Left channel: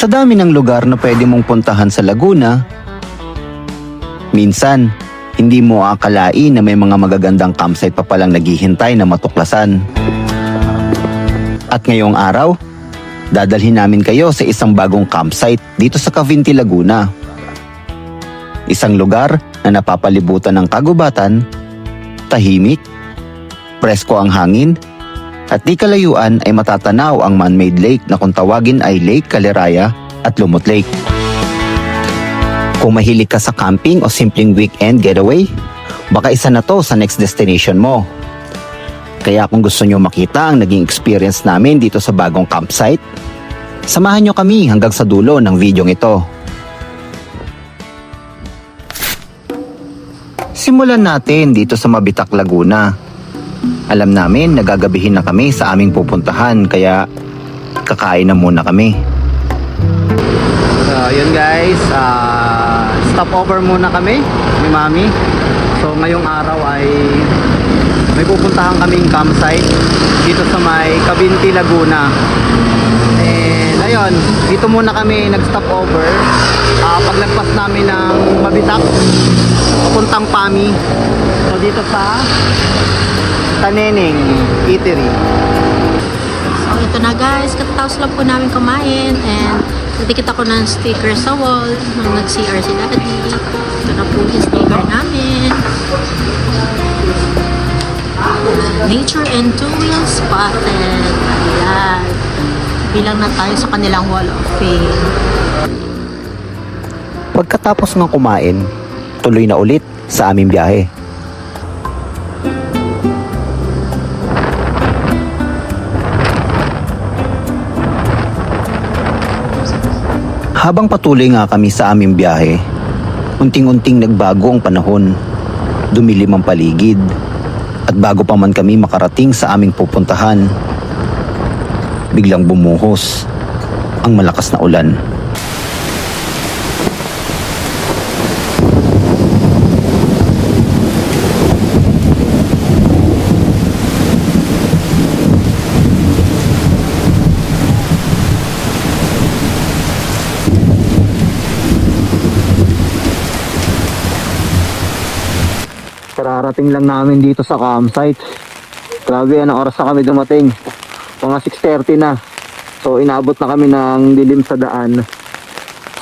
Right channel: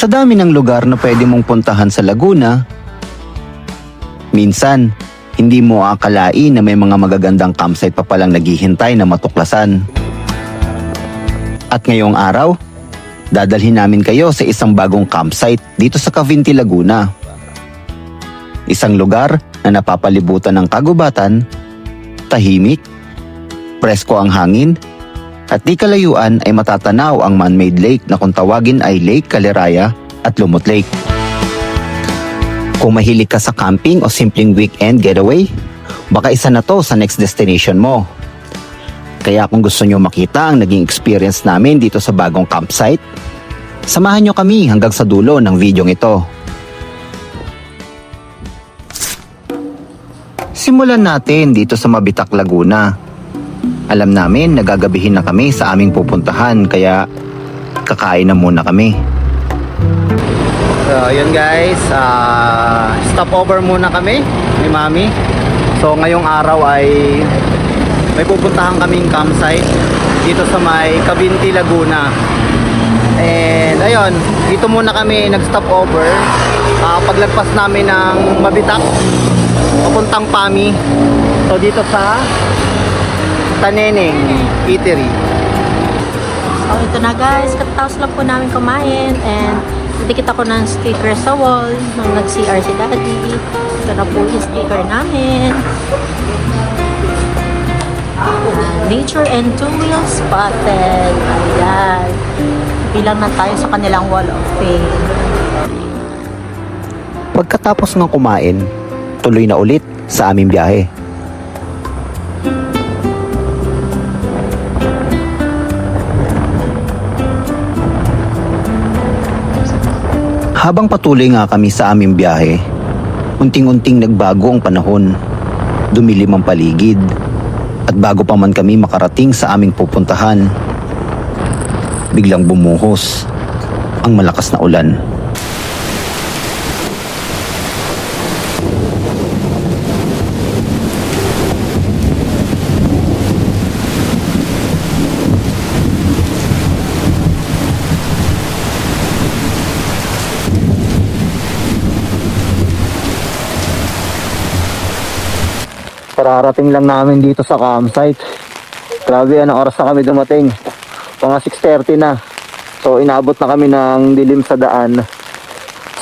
Sa dami ng lugar na pwede mong puntahan sa Laguna, minsan, hindi mo akalain na may mga magagandang campsite pa palang naghihintay na matuklasan. At ngayong araw, dadalhin namin kayo sa isang bagong campsite dito sa Cavinti, Laguna. Isang lugar na napapalibutan ng kagubatan, tahimik, presko ang hangin, at di kalayuan ay matatanaw ang man-made lake na kung tawagin ay Lake Caleraya at Lumot Lake. Kung mahilig ka sa camping o simpleng weekend getaway, baka isa na to sa next destination mo. Kaya kung gusto nyo makita ang naging experience namin dito sa bagong campsite, samahan nyo kami hanggang sa dulo ng videong ito. Simulan natin dito sa Mabitak, Laguna. Alam namin nagagabihin na kami sa aming pupuntahan kaya kakain na muna kami. So yun guys, stopover muna kami ni Mami. So ngayong araw ay may pupuntahan kaming campsite dito sa may Cavinti, Laguna. And ayun, dito muna kami nag-stopover. Paglagpas namin ng Mabitak papuntang Pami. So dito sa Taneneng Eatery. So ito na guys, katapos lang po namin kumain and nagdikit ako ng sticker sa wall nung nag-CR si Daddy. Ito na po yung sticker namin. Nature and two wheels spotted. Ayan. Bilang na tayo sa kanilang wall of fame. Pagkatapos ng kumain, tuloy na ulit sa aming biyahe. Habang patuloy nga kami sa aming biyahe, unting-unting nagbago ang panahon, dumilim ang paligid, at bago pa man kami makarating sa aming pupuntahan, biglang bumuhos ang malakas na ulan. Kararating lang namin dito sa campsite. Grabe, anong oras na kami dumating? Mga 6:30 na. So inabot na kami ng dilim sa daan.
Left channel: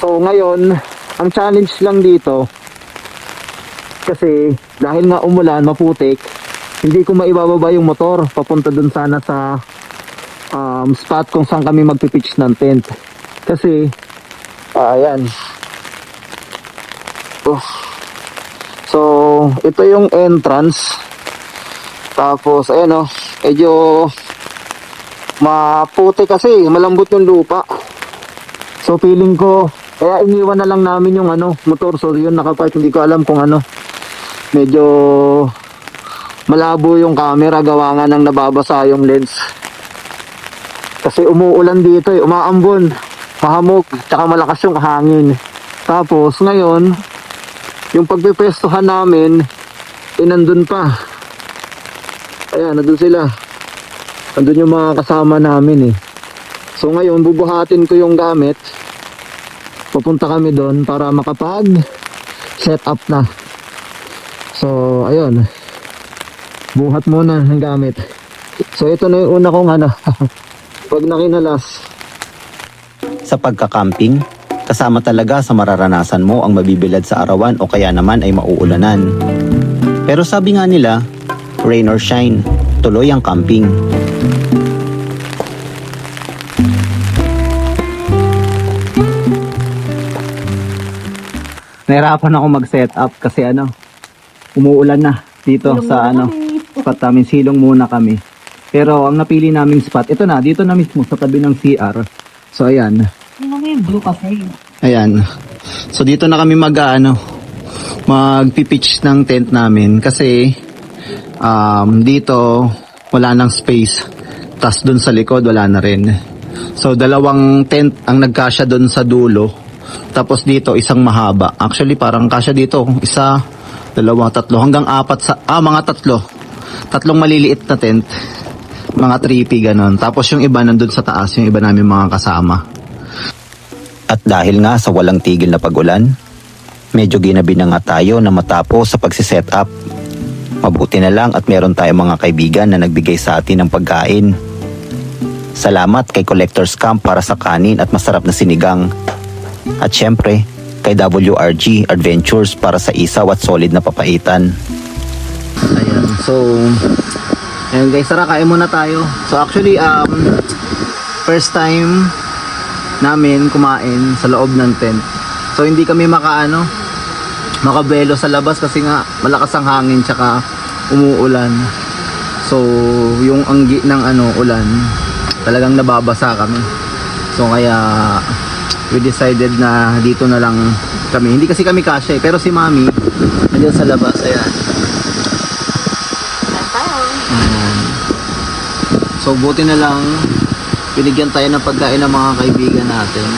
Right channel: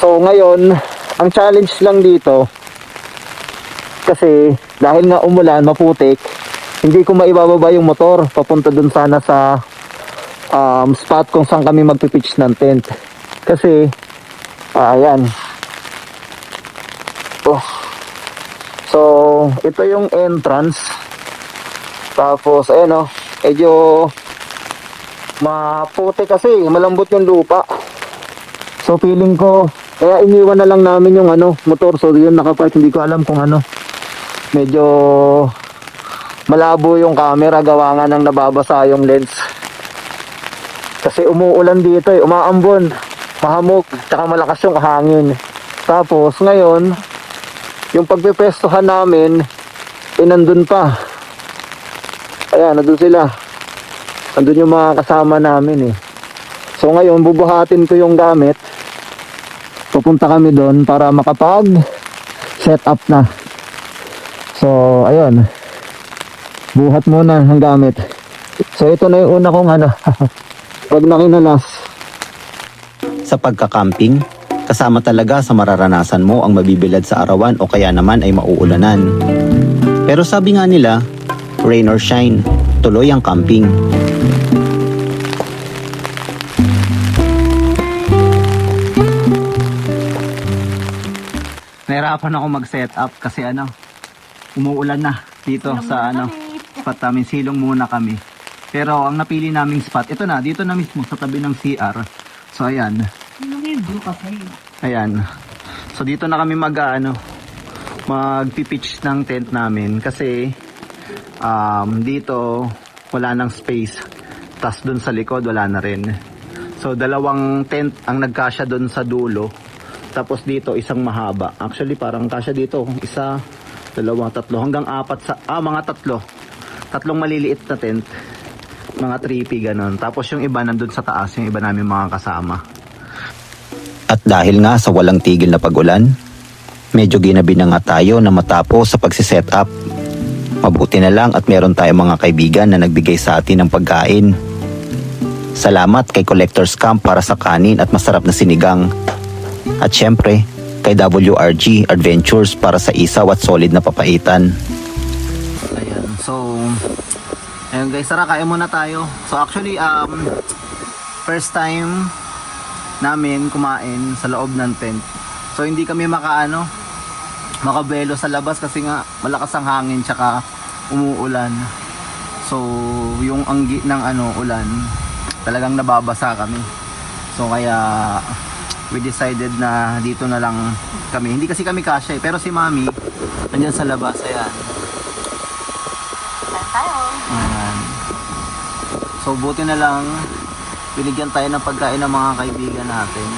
So ngayon, ang challenge lang dito, kasi dahil nga umulan, maputik, hindi ko maibababa yung motor papunta dun sana sa spot kung saan kami magpipitch ng tent. Kasi ayan. So, ito yung entrance. Tapos, ayan o, medyo maputi kasi, malambot yung lupa. So, feeling ko, kaya iniwan na lang namin yung motor. So, yun nakapark, hindi ko alam kung medyo malabo yung camera, gawa nga nang nababasa yung lens. Kasi umuulan dito umaambon, mahamog, tsaka malakas yung hangin. Tapos, ngayon, yung pagpipwestuhan namin, nandun pa. Ayan, nandun sila. Nandun yung mga kasama namin So ngayon, bubuhatin ko yung gamit. Pupunta kami doon para makapag-set up na. So, ayun. Buhat muna ang gamit. So ito na yung una kong pag nakinalas. Sa pagka-camping, kasama talaga sa mararanasan mo ang mabibilad sa arawan o kaya naman ay mauulanan. Pero sabi nga nila, rain or shine, tuloy ang camping. Nahirapan ako mag-set up kasi umuulan na dito sa spot namin. Silong muna kami. Pero ang napili naming spot, ito na, dito na mismo sa tabi ng CR. So ayan. Ayan. So dito na kami magpipitch ng tent namin kasi dito wala nang space. Tas dun sa likod wala na rin. So dalawang tent ang nagkasya dun sa dulo. Tapos dito isang mahaba. Actually parang kasya dito. Isa, dalawa, tatlo hanggang apat mga tatlo. Tatlong maliliit na tent. Mga 3P ganon. Tapos yung iba nandun sa taas, yung iba namin mga kasama. At dahil nga sa walang tigil na pag-ulan, medyo ginabi na nga tayo na matapos sa pagsiset up. Mabuti na lang at meron tayong mga kaibigan na nagbigay sa atin ng pagkain. Salamat kay Collector's Camp para sa kanin at masarap na sinigang. At syempre, kay WRG Adventures para sa isaw at solid na papaitan. Ayan, so ayun guys, tara kain muna tayo. So actually first time namin kumain sa loob ng tent. So hindi kami makabelo sa labas kasi nga malakas ang hangin tsaka umuulan. So yung anggi ng ulan, talagang nababasa kami. So kaya we decided na dito na lang kami. Hindi kasi kami kasya pero si Mami nandiyan sa labas. Ayan. Ayan. So buti na lang binigyan tayo ng pagkain ng mga kaibigan natin.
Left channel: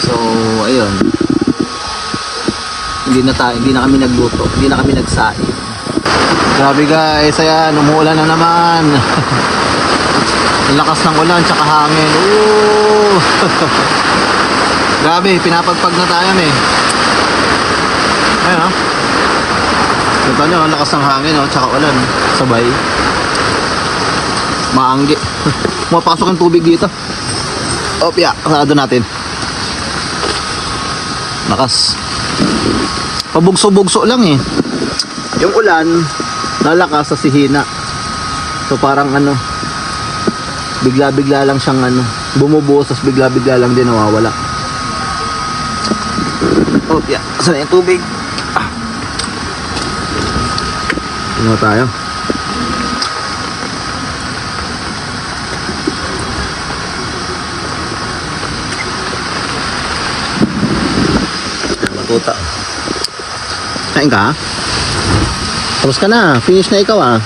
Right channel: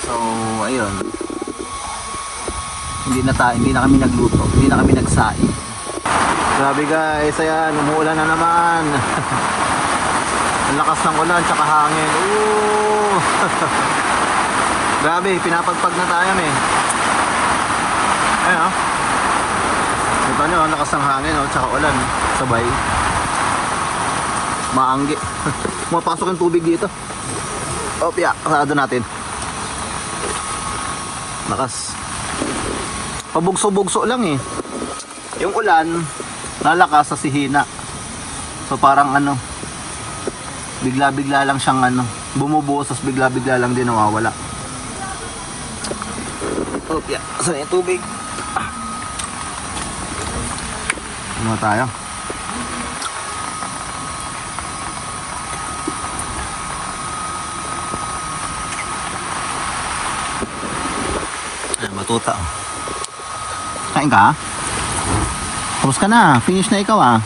So ayun, hindi na kami nagluto, hindi na kami nagsaing. Grabe guys, ayan, umuulan na naman. Ang lakas ng ulan tsaka hangin. Ooh. Grabe, pinapagpag na tayo Ayun o. Ito nyo, ang lakas ng hangin tsaka ulan. Sabay. Maanggi. Mapasok ang tubig dito. Opya, sarado natin. Lakas. Pabugso-bugso lang Yung ulan, lalakas sa sihina. So parang bigla-bigla lang siyang bumubuhos, tapos bigla-bigla lang din nawawala. Opya, saan yung tubig? Tingnan tayo. Tuta. Kain ka? Tapos ka na. Finish na ikaw Ano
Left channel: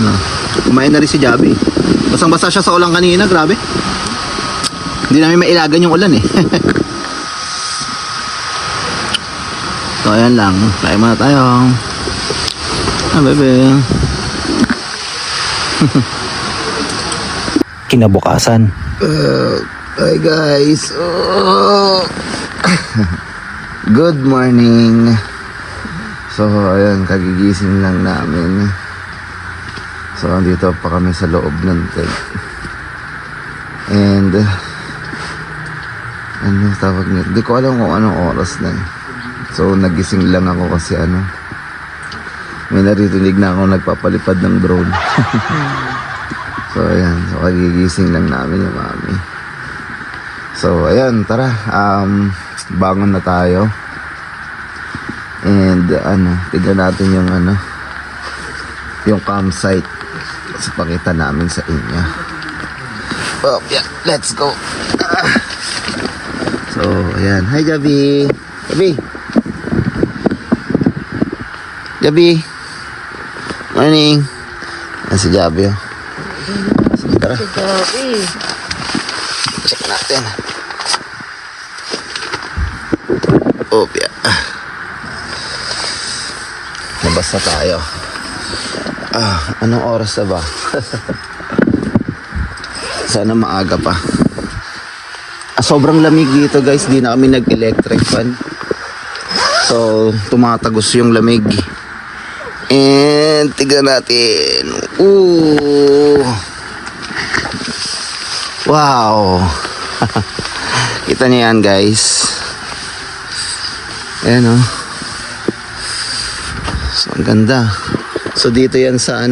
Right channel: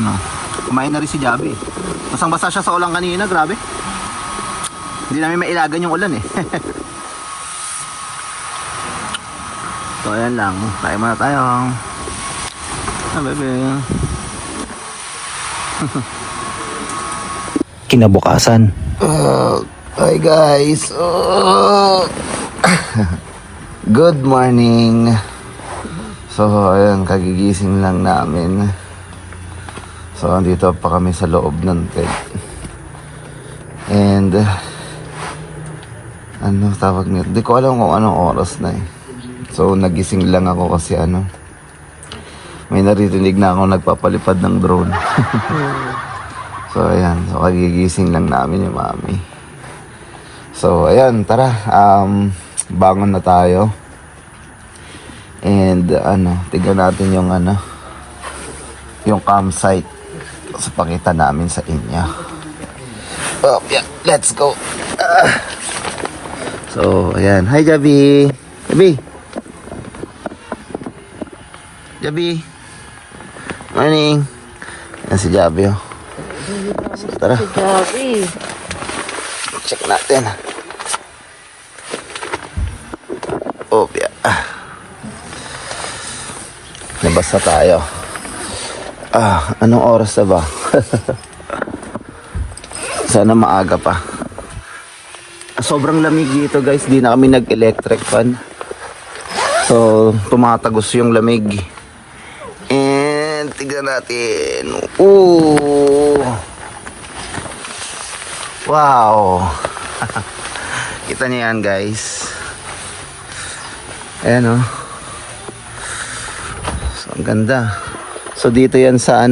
na. Kumain na rin si Javi. Basang-basa siya sa ulan kanina. Grabe. Hindi namin mailagan yung ulan So ayan lang. Kain muna tayo. Bebe. Kinabukasan, Hi guys. Good morning. So ayun, kagigising lang namin. So andito pa kami sa loob ng tent. And tawag nito? Hindi ko alam kung anong oras na So nagising lang ako kasi may naririnig na ako nagpapalipad ng drone. So ayan, so kagigising lang namin ni Mami. So ayan, tara, bangon na tayo. And tignan natin yung campsite. So pakita namin sa inyo. Oh, yeah, let's go. So ayan, hi Gabi. Gabi. Morning. Ayan si Gabi Sige, tara. Check natin. Yeah. Labas na tayo. Anong oras na ba? Sana maaga pa. Sobrang lamig dito guys. Di na kami nag-electric fan. So tumatagos yung lamig. And tignan natin. Ooh. Wow. Kita niyo yan guys. Ayan So ang ganda. So dito yan sa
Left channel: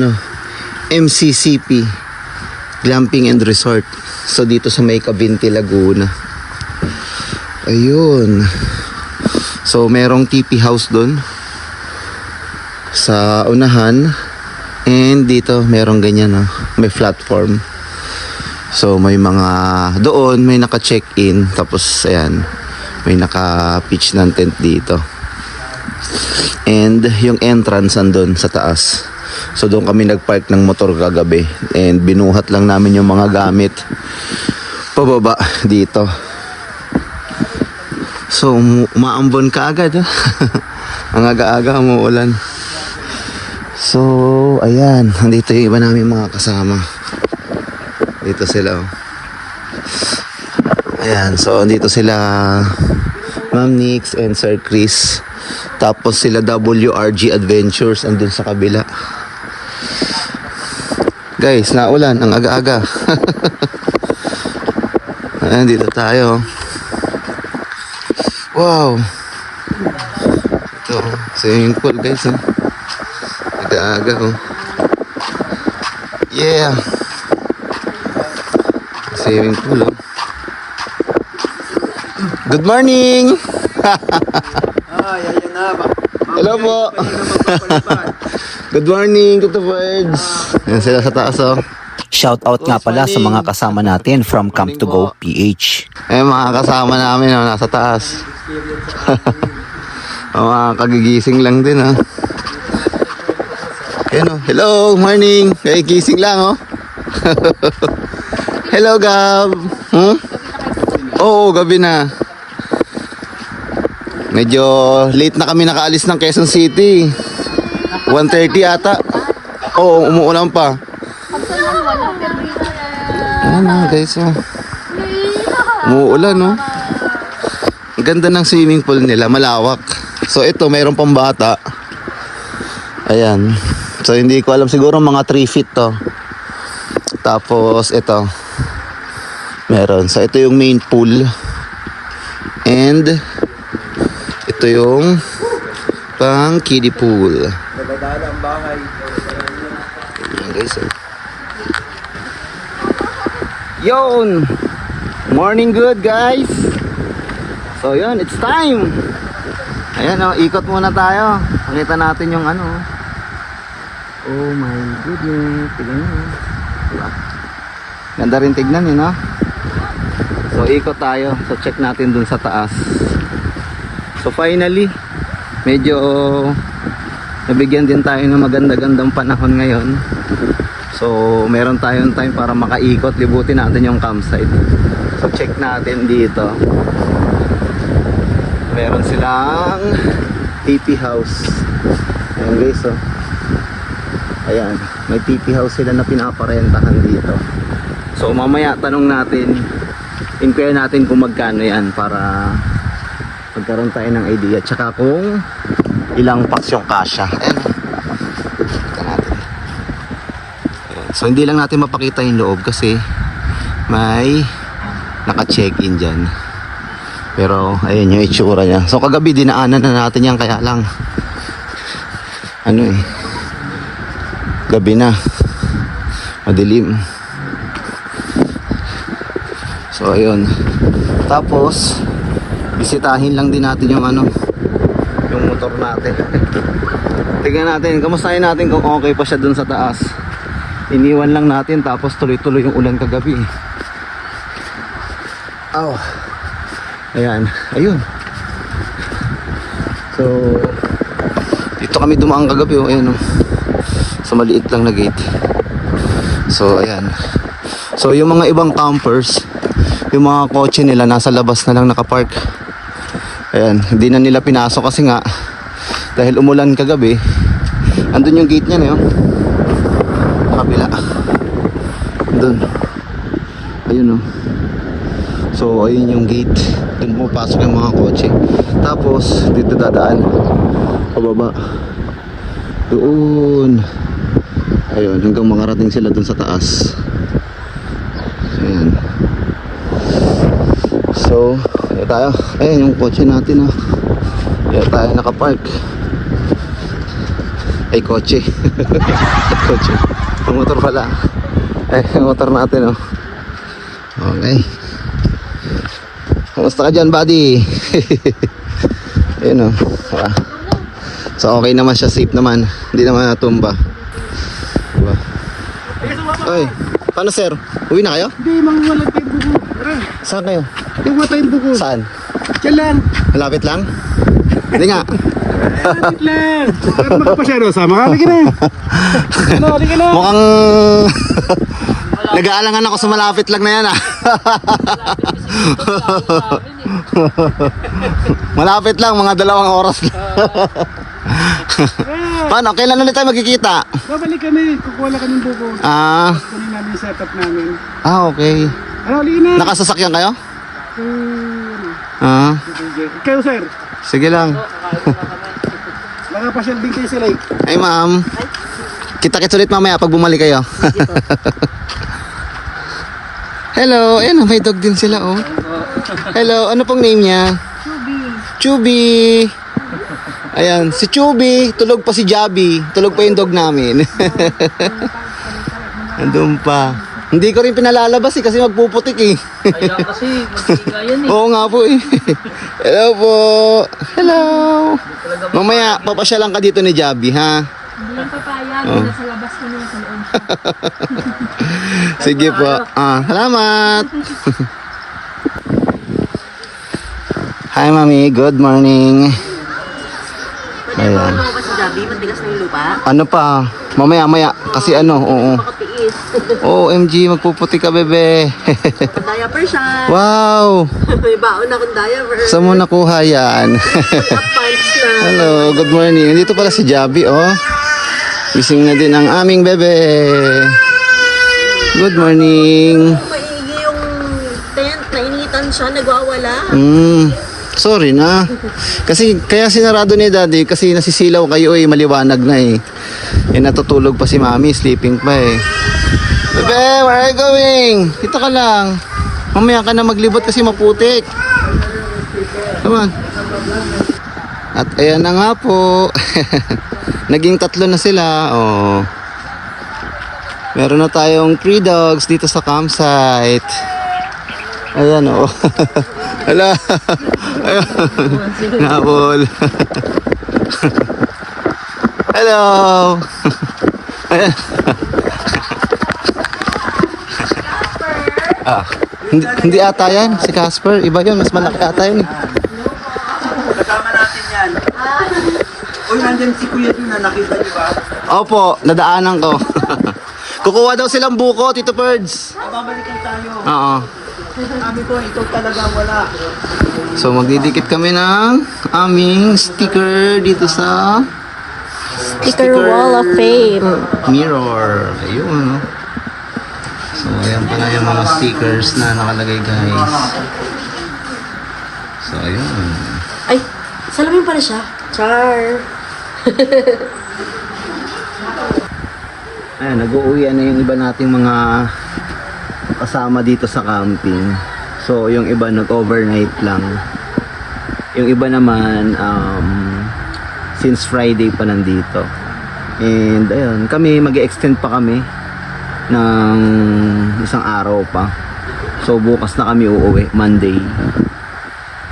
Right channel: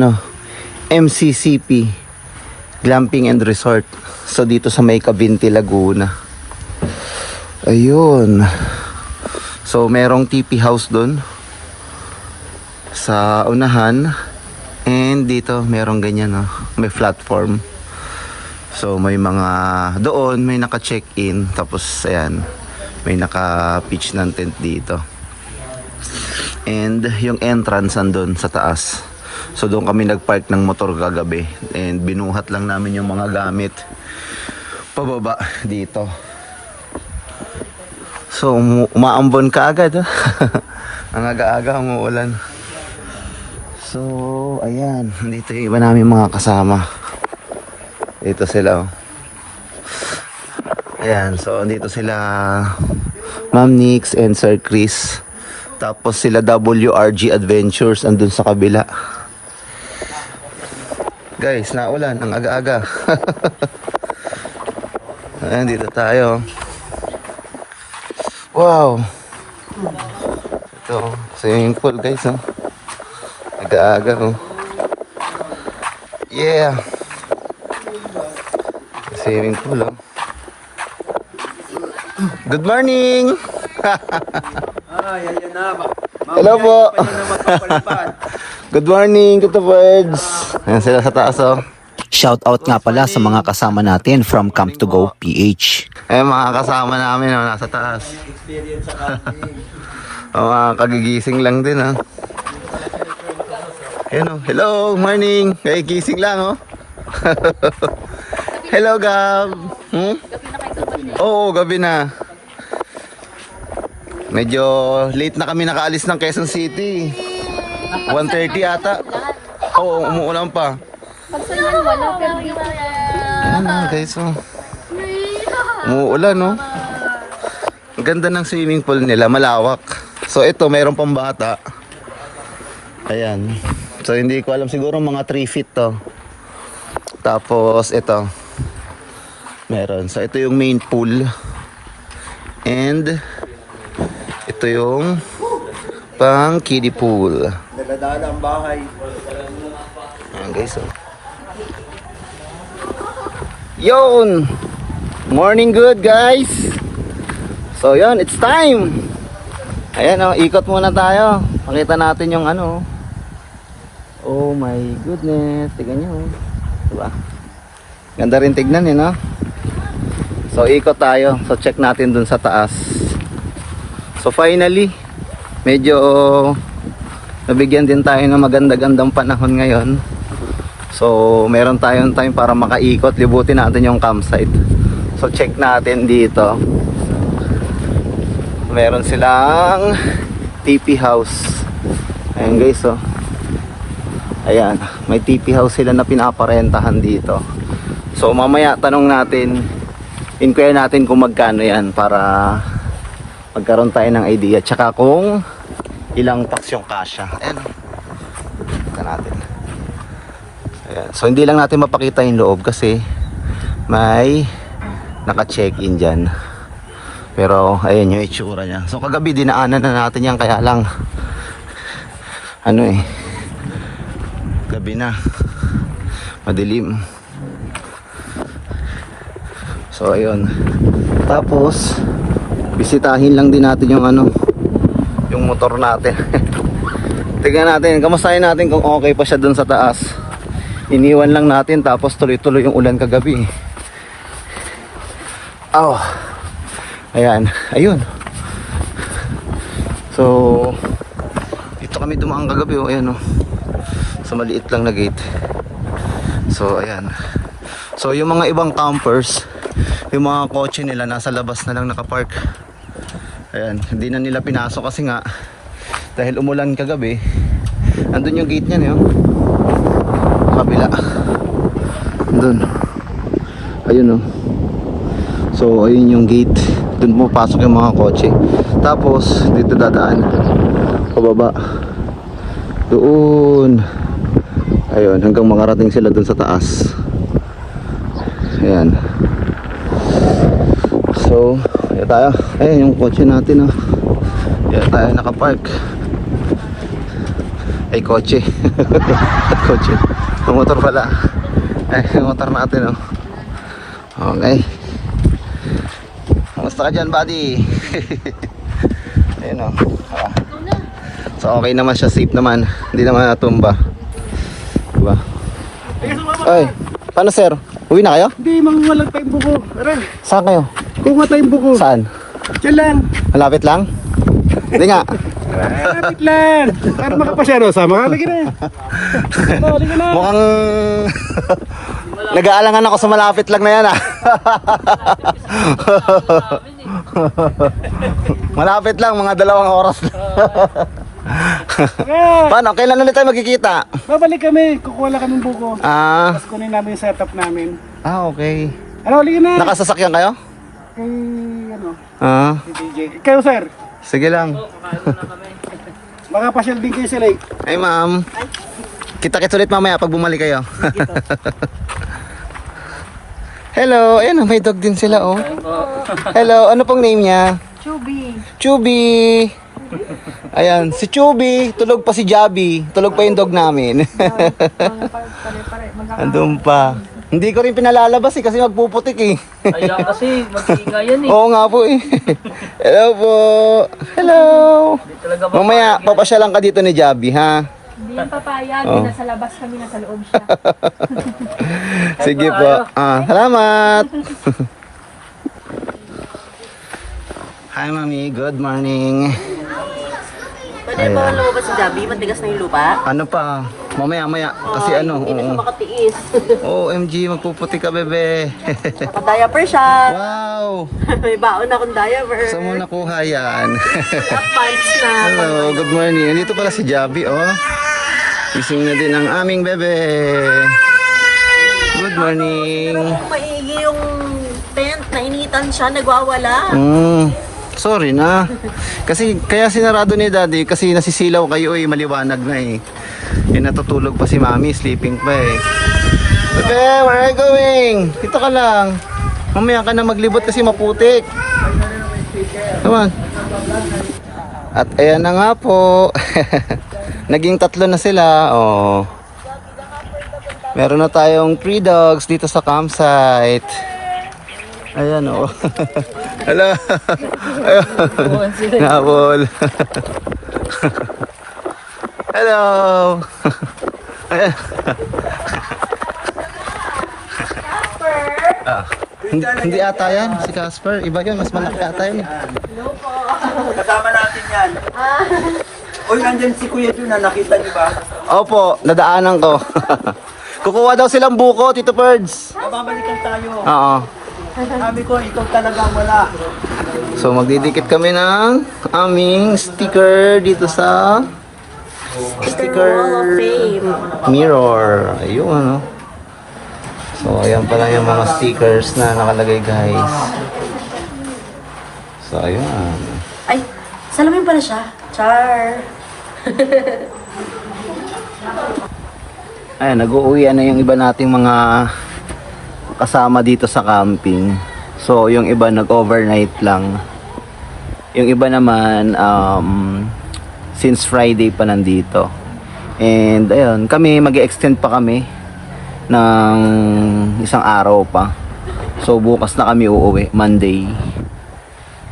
MCCP Glamping and Resort. So dito sa may Cavinti, Laguna. Ayun. So merong TP house doon sa unahan. And dito merong ganyan may platform. So may mga doon may naka-check-in. Tapos ayan, may naka-pitch ng tent dito. And yung entrance andun sa taas. So doon kami nagpark ng motor kagabi. And binuhat lang namin yung mga gamit pababa dito. So umaambon ka agad Ang aga-aga umuulan. So ayan, nandito yung iba namin mga kasama. Dito sila Ayan, so andito sila Ma'am Nix and Sir Chris. Tapos sila WRG Adventures andun sa kabila. Guys, naulan ang aga-aga. Ayan, dito tayo. Wow. Ito, swimming pool guys. Oh. Aga-aga. Oh. Yeah. Swimming pool. Oh. Good morning. Hello po. Good morning, Tito Birds. Ayan sila sa taas, oh. Shout out nga pala sa mga kasama natin from Camp to Go PH. Eh, mga kasama namin, oh, nasa taas. Mga kagigising lang din, oh. Ayan, oh. Hello, morning. Kaya gising lang, oh. Hello, Gab. Oo, gabi na. Medyo late na kami nakaalis ng Quezon City. 1:30 ata. Oo, umuulan pa. Ano guys, oh. Umuulan, no? Ang ganda ng swimming pool nila, malawak. So ito, mayroon pang bata. Ayan. So hindi ko alam, siguro mga 3 feet to. Tapos ito. Meron. So ito yung main pool. And ito yung pang kiddie pool. Ayan guys, oh. Yun! Morning good guys! So yun, it's time! Ayan, oh, ikot muna tayo. Pakita natin yung ano. Oh my goodness. Tignan nyo. Diba? Ganda rin tignan, no? So ikot tayo. So check natin dun sa taas. So finally, medyo nabigyan din tayo ng maganda-gandang panahon ngayon. So meron tayong time para makaikot, libutin natin yung campsite. So check natin dito. Meron silang TP house. Ayan guys, oh. Ayan, may TP house sila na pinaparentahan dito. So mamaya tanong natin, inquire natin kung magkano yan para magkaroon tayo ng idea. Tsaka kung ilang packs yung kasya. Ayan, tika natin. Ayan. So hindi lang natin mapakita yung loob kasi may naka-check-in dyan. Pero ayan yung itsura niya. So kagabi dinaanan na natin yan, kaya lang ano eh, gabi na, madilim. So ayun. Tapos bisitahin lang din natin yung ano, yung motor natin. Tingnan natin, kamustahin natin kung okay pa siya dun sa taas. Iniwan lang natin tapos tuloy-tuloy yung ulan kagabi. Oh. Ayan, ayun. So dito kami dumaan kagabi, oh, ayan, oh. Sa maliit lang na gate. So ayan. So yung mga ibang campers, yung mga kotse nila nasa labas na lang nakapark. Ayan, hindi na nila pinasok kasi nga dahil umulan kagabi. Andun yung gate niya, oh. Kabila. Andun. Ayun, oh. So ayun yung gate. Doon pupasok yung mga kotse. Tapos dito dadaan pababa doon. Ayun, hanggang makarating sila doon sa taas. Ayan. So kaya tayo, ayun yung kotse natin, oh. Kaya tayo nakapark. Ay, kotse. Kotse, yung motor pala. Ay, yung motor natin, oh. Okay. Kamusta ka dyan, buddy? Ayun, oh. So okay naman siya, safe naman. Hindi naman natumba. Diba? Ay, paano sir? Uwi na kayo? Hindi, mangwalag pa yung buko. Tara, Saan kayo? kuha tayong buko. Saan? Diyan lang. Malapit lang? Hindi nga. Malapit lang. At makapasyano, sama ka. Halika na. Halika na. Mukhang nag-aalangan ako sa malapit lang na yan, ah. Malapit lang, mga 2 oras lang. Paano? Kailan ulit tayo magkikita? Babalik kami. Kukuha lang kami ng buko. Ah, Kunin namin yung setup namin. okay. Ano, halika na. Nakasasakyan kayo? Ah, Ikaw, sir. sige lang. Nakapasyal din kayo sa lake. Ay, ma'am. Kita-kits ulit mamaya pag bumalik kayo. Hello, ayan, may dog din sila, oh. Hello, ano pong name niya? Chubby. Ayan, si Chubby. Tulog pa si Jabi. Tulog pa yung dog namin. Andun pa. Hindi ko rin pinalalabas kasi magpuputik eh. Kaya kasi, mag-iinga yan eh. Oo nga po eh. Hello po. Hello. Mamaya, papasyalan ka dito ni Jabi, ha? Hindi yung papayag, nasa labas kami, nasa loob siya. Sige po. Salamat. Hi, Mami. Good morning. Pwede ba lumabas si Javi? Matigas na yung lupa? Ano pa? Mamaya. Kasi ano, oo. Makatiis. OMG, magpuputi ka, bebe. Naka-diaper siya. Wow. May baon akong diaper. Saan mo nakuha yan? Pants na. Hello, good morning. Dito pala si Jabi, oh. Gising na din ang aming bebe. Good morning. Maigi yung tent. Nainitan siya. Nagwawala. Sorry na. Kasi kaya sinarado ni Daddy kasi nasisilaw kayo eh, maliwanag na eh. Eh natutulog pa si Mami, sleeping pa eh. Bebe, where are you going? Dito ka lang. Mamaya ka na maglibot kasi maputik. Come on. At ayan na nga po. Naging 3 na sila. Oh. Meron na tayong 3 dogs dito sa campsite. Ayan o. Hala. Ayan. Nabol. Hello. Ayan. Hindi ata yan. Si Casper. Iba yun. Mas malaki ata yun. Kasama natin yan. Uy, nandiyan si Kuya Jun na nakita niyo ba? Opo. Nadaanan ko. Kukuha daw silang buko, Tito Perds. Babalikan tayo. Oo. Sabi ko, ikaw talagang wala. So magdidikit kami ng aming sticker dito sa Sticker Wall of Fame. mirror. Ayun ano. So ayan pala yung mga stickers na nakalagay guys. So ayan. Ay, salamin pala siya. Char. Ay, nag-uuwian na yung iba nating mga kasama dito sa camping. So yung iba nag-overnight lang. Yung iba naman since Friday pa nandito. And ayun, kami mag-extend pa kami ng isang araw pa. So bukas na kami uuwi, Monday.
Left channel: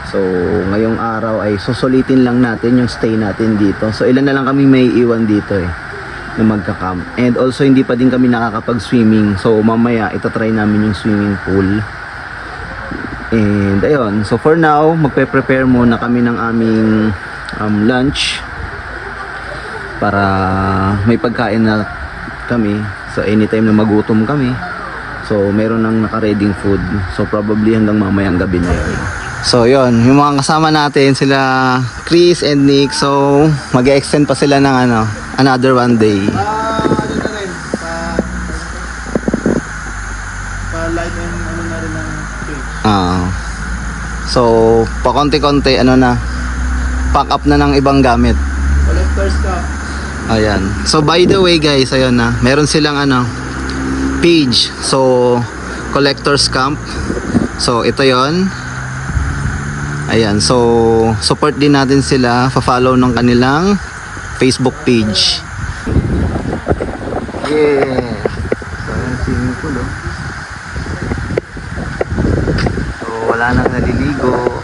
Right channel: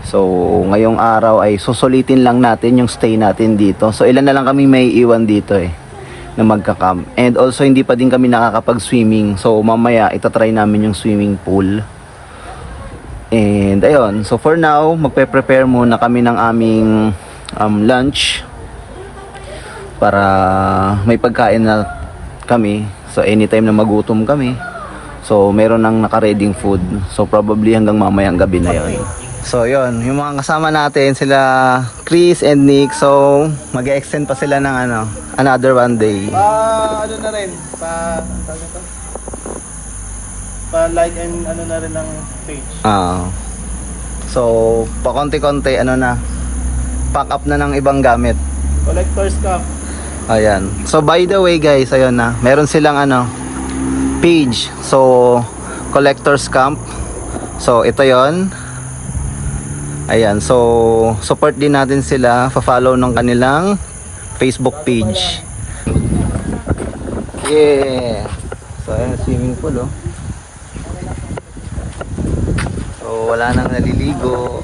So ngayong araw ay susulitin lang natin yung stay natin dito. So ilan na lang kami may iwan dito eh na magka-camp. And also hindi pa din kami nakakapag-swimming. So mamaya itatry namin yung swimming pool. And ayun, so for now magpe-prepare muna kami ng aming lunch para may pagkain na kami. So anytime na magutom kami, so meron nang naka-ready food. So probably hanggang mamayang gabi na yun. So yun, yung mga kasama natin sila Chris and Nick. So mag-extend pa sila ng another one day. Ano na rin, pa-light and ano na rin ng page. So pa konti-konti pack up na ng ibang gamit. Collector's cup. Ayan. So by the way guys, ayun na. Meron silang page. So Collector's Camp. So ito 'yon. Ayan. So support din natin sila. Pa-follow ng kanilang Facebook page. Yeah. So ayan, swimming pool oh. So wala nang naliligo.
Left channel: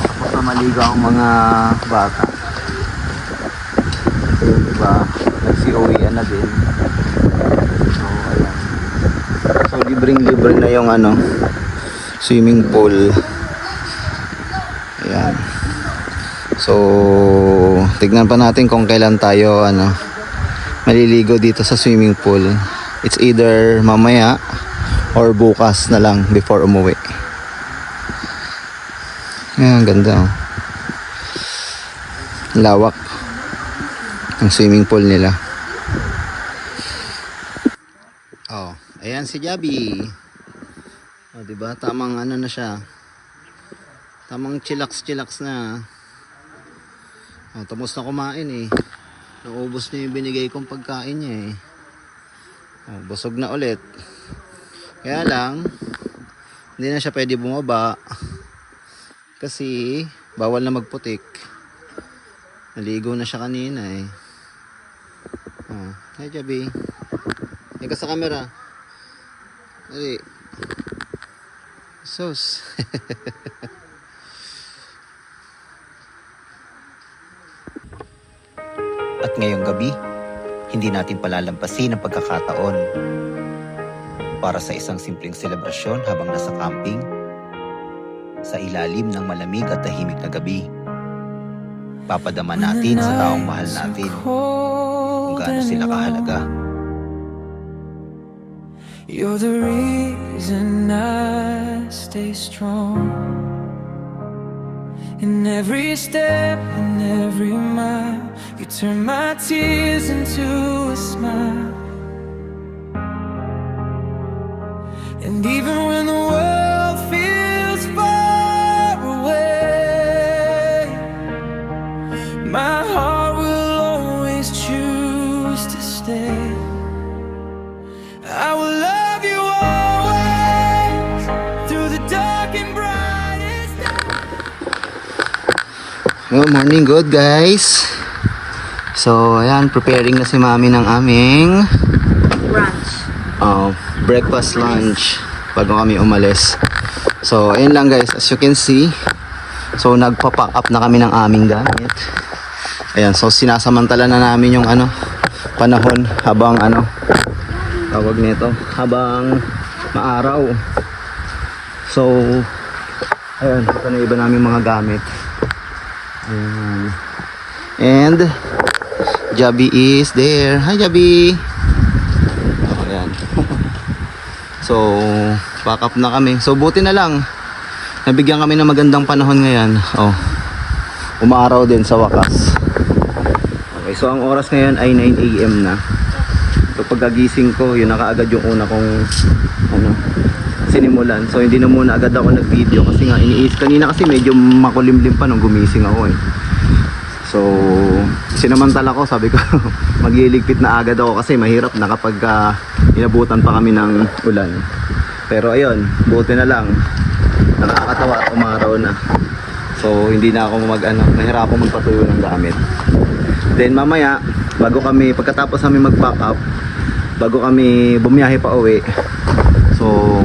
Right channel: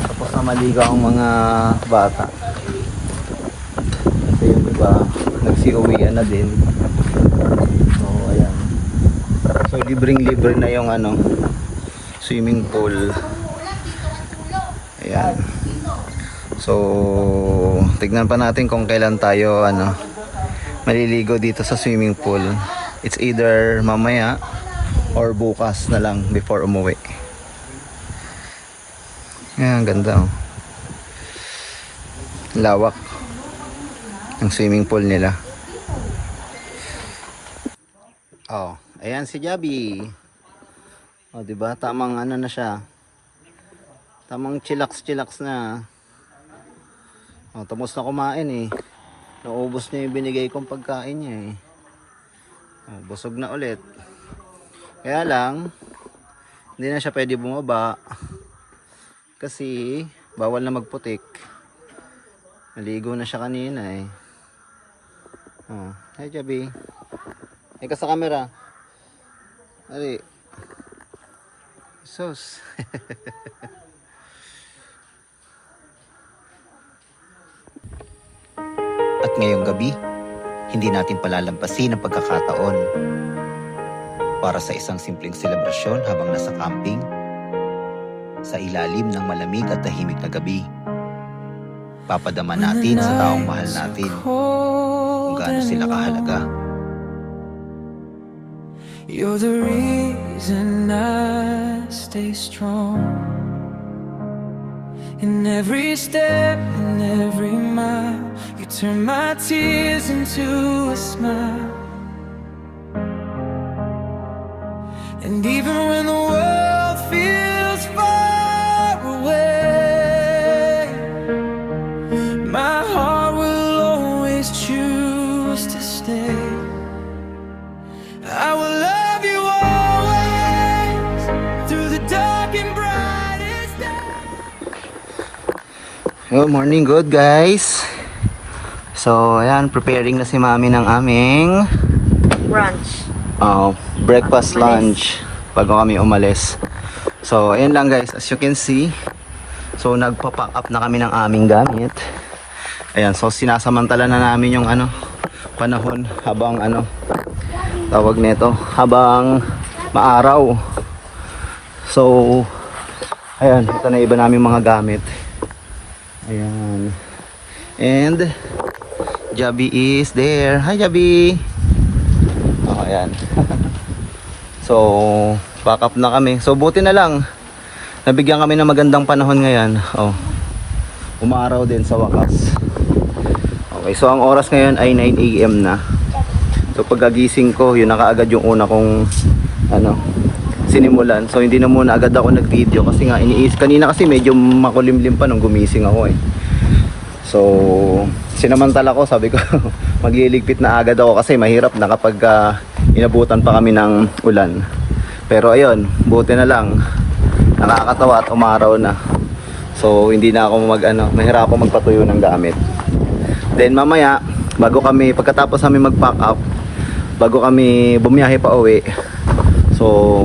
Tapos na maligo ang mga bata. Kasi yung iba nagsi-uwian na din. So ayan. So libreng-libre na yung swimming pool. Ayan. So tignan pa natin kung kailan tayo maliligo dito sa swimming pool. It's either mamaya or bukas na lang before umuwi. Ayan, ganda oh. Lawak ang swimming pool nila. Oh, ayan si Jabi. O, diba? Tamang ano na siya. Tamang chillax na. O, tapos na kumain eh. Naubos niya yung binigay kong pagkain niya eh. O, busog na ulit. Kaya lang, hindi na siya pwede bumaba. Kasi, bawal na magputik. Naligo na siya kanina eh. Oh, hi Jabi. Ika sa camera. Ali. Sus. At ngayong gabi, hindi natin palalampasin ang pagkakataon para sa isang simpleng selebrasyon habang nasa camping sa ilalim ng malamig at tahimik na gabi. Papadama natin sa taong mahal natin kung gaano sila kahalaga. You're the reason I stay strong. In every step, in every mile, you turn my tears into a smile. And even when the world feels far away, my heart will always choose to stay. I will love you always through the dark and brightest days. Good morning, good guys. So, ayan, preparing na si mami ng aming breakfast, lunch bago kami umalis. So, ayan lang guys, as you can see. So, nagpa-pack up na kami ng aming gamit. Ayan, so sinasamantala na namin yung panahon habang tawag nito, habang maaraw. So, ayan, ito na iba namin mga gamit. Ayan. And Jabi is there. Hi Jabi. Oh, ayan. So, pack up na kami. So, buti na lang nabigyan kami ng magandang panahon ngayon. Oh. Umaraw din sa wakas. Okay, so ang oras ngayon ay 9 AM na. So pagkagising ko, yun na kaagad yung una kong sinimulan. So hindi na muna agad ako nag-video kasi nga kanina kasi medyo makulimlim pa nung gumising ako eh. So sinamantala ko, sabi ko magliligpit na agad ako kasi mahirap na kapag inabutan pa kami ng ulan. Pero ayun, buti na lang nakakatawa at umaraw na. So hindi na ako mahirap ako magpatuyo ng gamit. Then mamaya, pagkatapos namin mag-pack up, bago kami bumiyahe pa uwi, so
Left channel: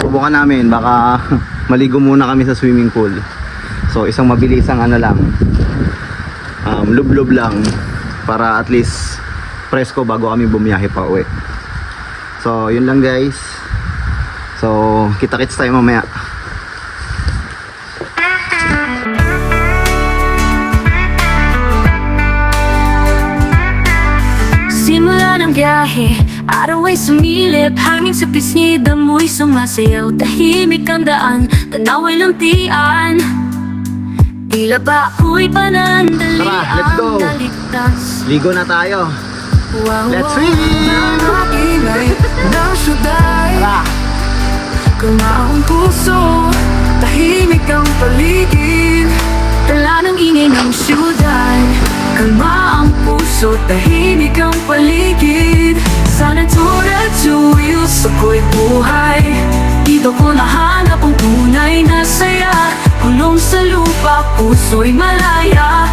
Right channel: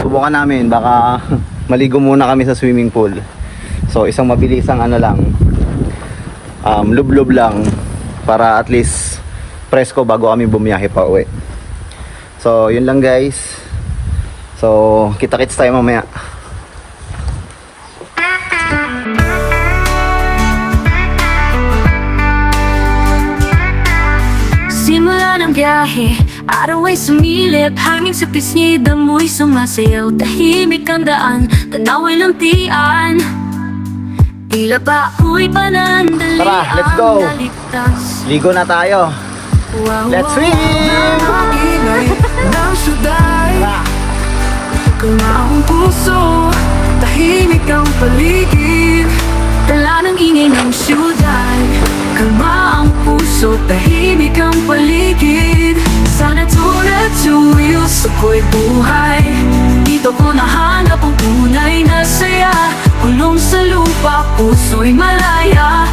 subukan namin, baka maligo muna kami sa swimming pool. So isang mabilisang lub-lub lang para at least presko bago kami bumiyahe pa uwi. So yun lang guys. So kita-kits tayo mamaya. Simula ng biyahe, araw ay sumilip, hangin sa pisngi, damoy sumasayaw. Tahimik ang daan, tanaw ay lantian. Tila ba ako'y panandali. Tara, let's go. Naligtas. Ligo na tayo. Wow, Let's swim! Ang ingay ng syudad, kalma ang puso, tahimik ang paligid. Tala ng ingay ng syudad, kalma ang puso, tahimik ang paligid. Sa natura to wheels, ako'y buhay. Dito ko nahanap ang tunay na saya. Kulong sa lupa, puso'y malaya.